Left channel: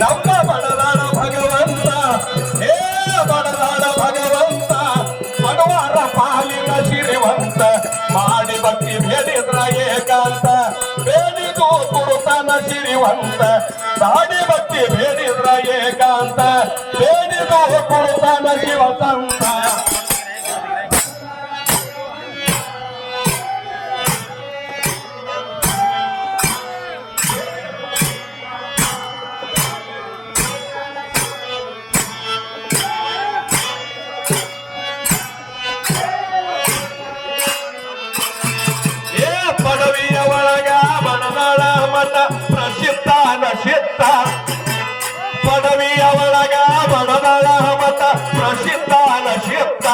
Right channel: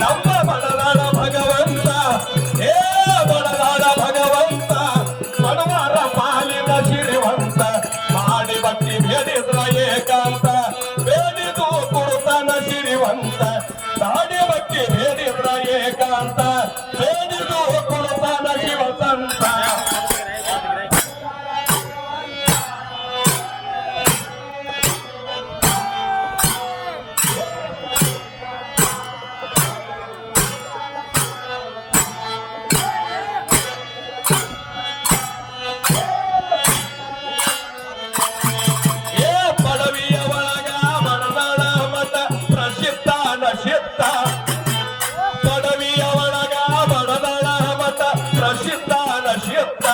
ನಮ್ಮ ಬಡದಾಡ ಭಗವಂತ ಹೇ ಬಡದಾಡ ಭಗವಂತ ಬಡವರ ಪಾಲಿನ ಸಿರಿವಂತ ಮಾಡಿ ಭಕ್ತಿ ಬೇಡಿದ್ರ ಏಕಾಂತ ಬೇಡಿದು ಕೊಡುತ್ತಾನ ಸಿರಿವಂತ ಮಾಡಿ ಭಕ್ತಿ ಬೇಡಿದ್ರ ಏಕಾಂತ ಬೇಡಿದು ಕೊಡುತ್ತಾನ ಶಿವಸಂತ ಪಡವಿಯ ಒಳಗ ಬಡದಳ ಮತ ಪ್ರಸಿದ್ಧ ನಶಿತ್ತ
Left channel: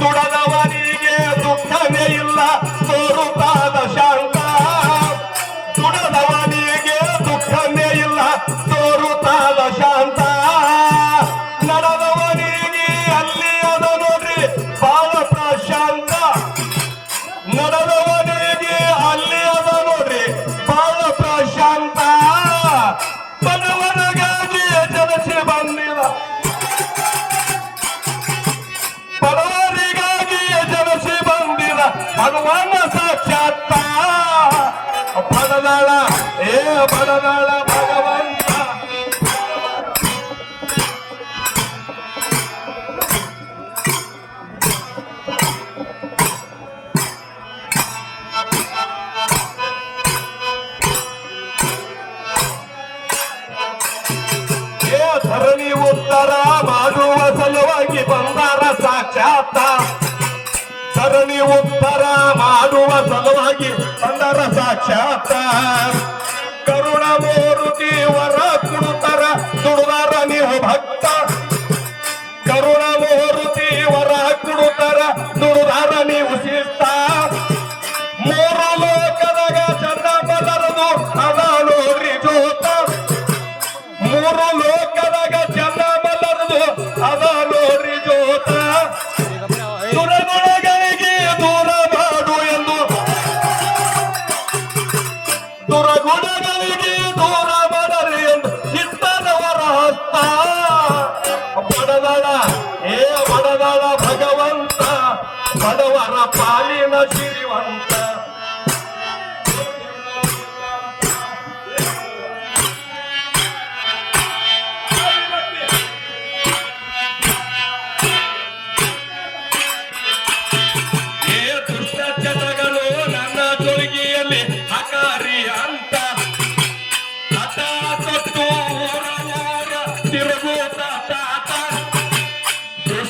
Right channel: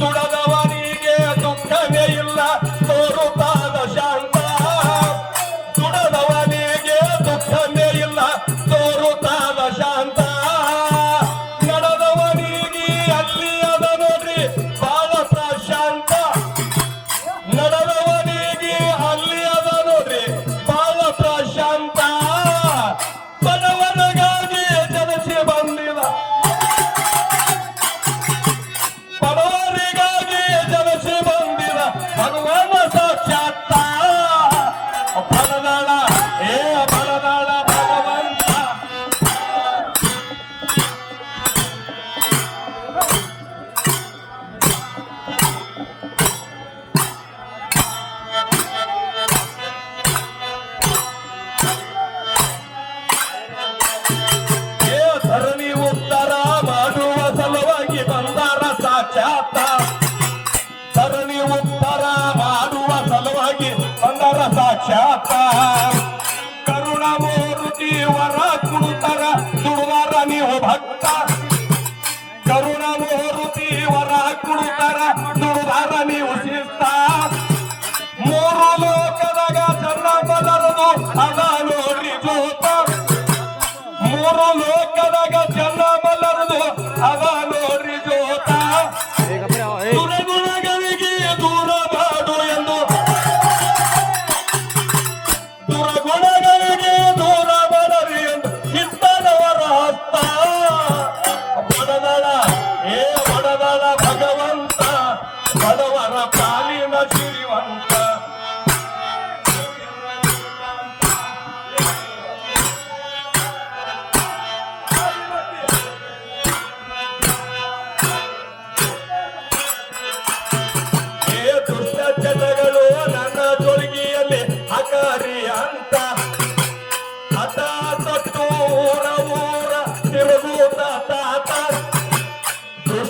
ದುಡದವನಿಗೆ ದುಃಖನೇ ಇಲ್ಲ ತೋರುತ್ತಾದ ಶಾಂತ ದುಡದವನಿಗೆ ದುಃಖನೇ ಇಲ್ಲ ತೋರುತ್ತಾದ ಶಾಂತ ನಡೆದವನಿಗೆ ಅಲ್ಲಿ ಅದ ನೋಡ್ರಿ ಬಾಳ ಪ್ರಶಾಂತ ನಡೆದವನಿಗೆ ಅಲ್ಲಿ ಅದ ನೋಡ್ರಿ ಬಾಳ ಪ್ರಶಾಂತ ಬಡವರಿಗಾಗಿ ಜನಸಿ ಬಂದಿದ ಬಡವರಿಗಾಗಿ ಜನಸಿ ಬಂದಿದ ಭಗವಾನ ಸಾಕ್ಷಾತ್ತ ಬಡದಾಳ ಬಡದಾಳ ಭಗವಂತ ಧರಣಿ ಉತ್ತರ ಮಾಡುವ ಸಲುವಾಗಿ ಬಂದಾರ ಸಾಕ್ಷಾತ್ತ ಧರಣಿ ಉತ್ತರ ಮಾಡುವ ಸಲುವಾಗಿ ಬಂದಾರ ಸಾಕ್ಷಾತ್ತ ಕರುಣ ಮೂರುತಿ ವರ ಕೊಡುತ್ತಾರ ದುಡುದಾರ ನೀವು ಭಕ್ತ ಕರುಣ ಮೂರುತಿ ವರ ಕೊಡುತ್ತಾರ ದುಡುದಾರ ನೀವು ಶಿಸ್ತ ಮೂರು ಲೋಕದಾಗ ಚಂದ ಬದರದು ಅದ ನೋಡ್ರಿ ಜೋತ ಮೂರು ಲೋಕದಾಗ ಚಂದ ಬಲ್ಲರದು ಅದ ನೋಡ್ರಿ ಜೋತ ದುರಗುಣಗಳಿಗೆ ದೂರ ಮಾಡು ಎಂದು ದುರಗುಣಗಳಿಗೆ ದೂರ ಮಾಡರಿ ಎಂದು ಇತ್ತನವರ ಹಸ್ತ ಬಡದಳ ಬಡದಳ ಭಗವಂತ ಬಡವರ ಪಾಲಿನ ಸಿರಿವಂತ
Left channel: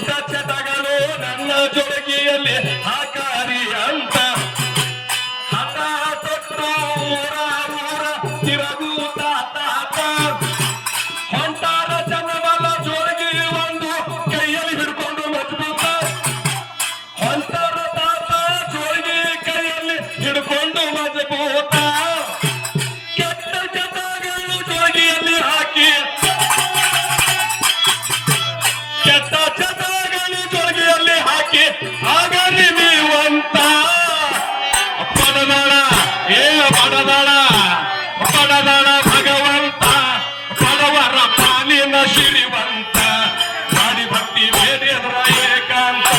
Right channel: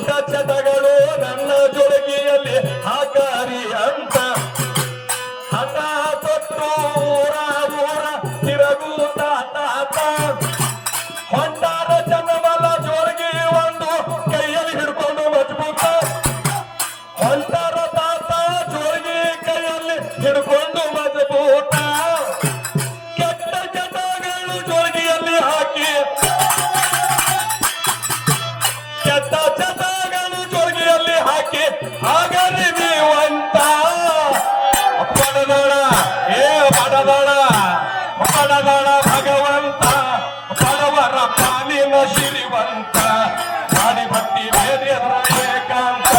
ದುಷ್ಟಚಟಗಳು ನನ್ನ ಜೊಳಗಿಯಲ್ಲಿ ಆಕಾರಿ ಅಂತ ಹಠ ತೊಟ್ಟು ಊರ ತಿರುಗೂತ ತಾತ ಹೊಂಟಾರ ಜನಬಲ ಜೋಳಗಿ ಒಂದು ಕೈಯಲ್ಲಿ ಹಿಡ್ಕೊಂಡು ಮಜಬೂತ ಹೊಂಟಾರ ತಾತ ಜೋಳಗಿ ಕೈಯಲ್ಲಿ ಹಿಡ್ಕೊಂಡು ಮಜಬೂತ ಕೆಟ್ಟ ಚಟಗಳು ಜೋಳಗಿಯಲ್ಲಿ ಹಾಕಿ ಕೆಟ್ಟ ಚಟಗಳು ಜೋಗಿಯಲ್ಲಿ ಹಾಕಿ ಹಾಗಾಗಿ ನೀವಂತ ಬಡದಳ ಬಡದಳ ಬಡದಳ ಭಗವಂತ ಬಡವರ ಪಾಲಿನ ಸಿರಿವಂತ ಮಾಡಿ ಭಕ್ತಿ ಬೇರೆಯವರ ಏಕಾಂತ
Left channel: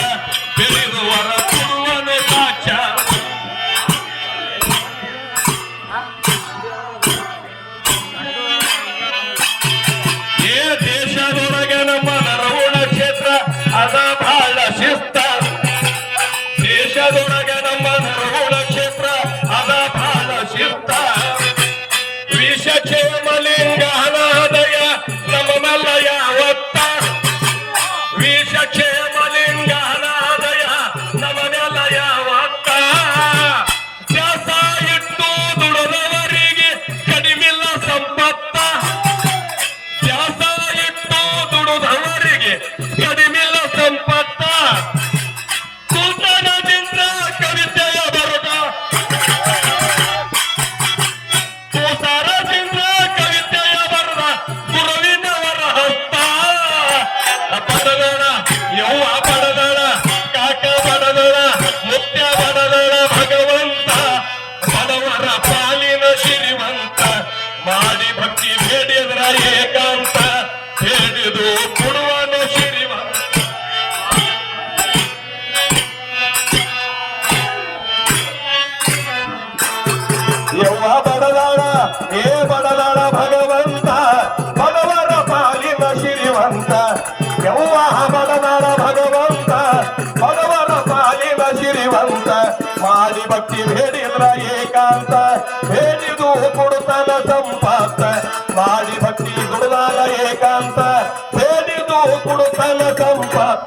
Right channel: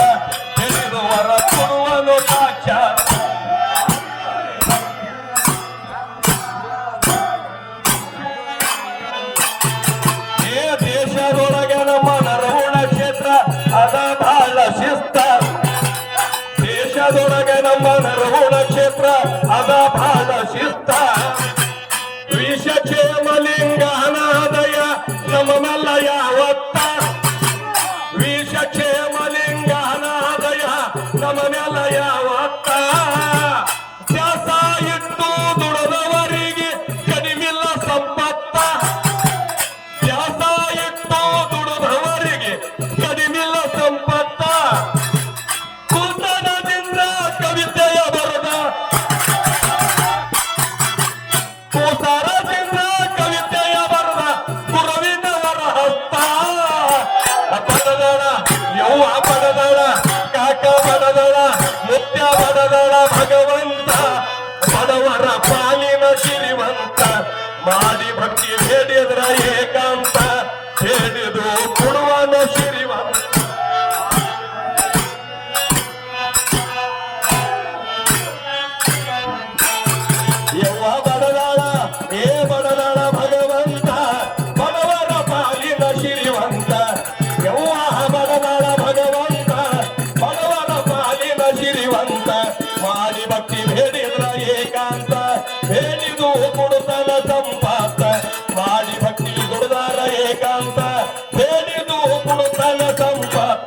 ಬೆಳೆದವರ ಕೊಡುವನು ಸಾಕ್ಷಾತ್ ದೇಶದೊಳಗೆ ನಮ್ಮ ಅದ ಬಹಳ ಶಿಸ್ತ ಕೊಡದಾಳ ಭಗವಂತ ಭಗವನ ಪಾಲಿನ ಸಿರಿವಂತ ಮಾಡಿ ಭಕ್ತಿ ಬೇಡಿದ್ರ ಏಕಾಂತ ಬೇಡಿದು ಕೊಡುತ್ತನ ಸಂಪಾತ ಮಾಡಿ ಭಕ್ತಿ ದುಡಿದಾರ ಏಕಾಂತ ಬೇಡಿದು ಕೊಡುತ್ತನ ಸಂಪಾತ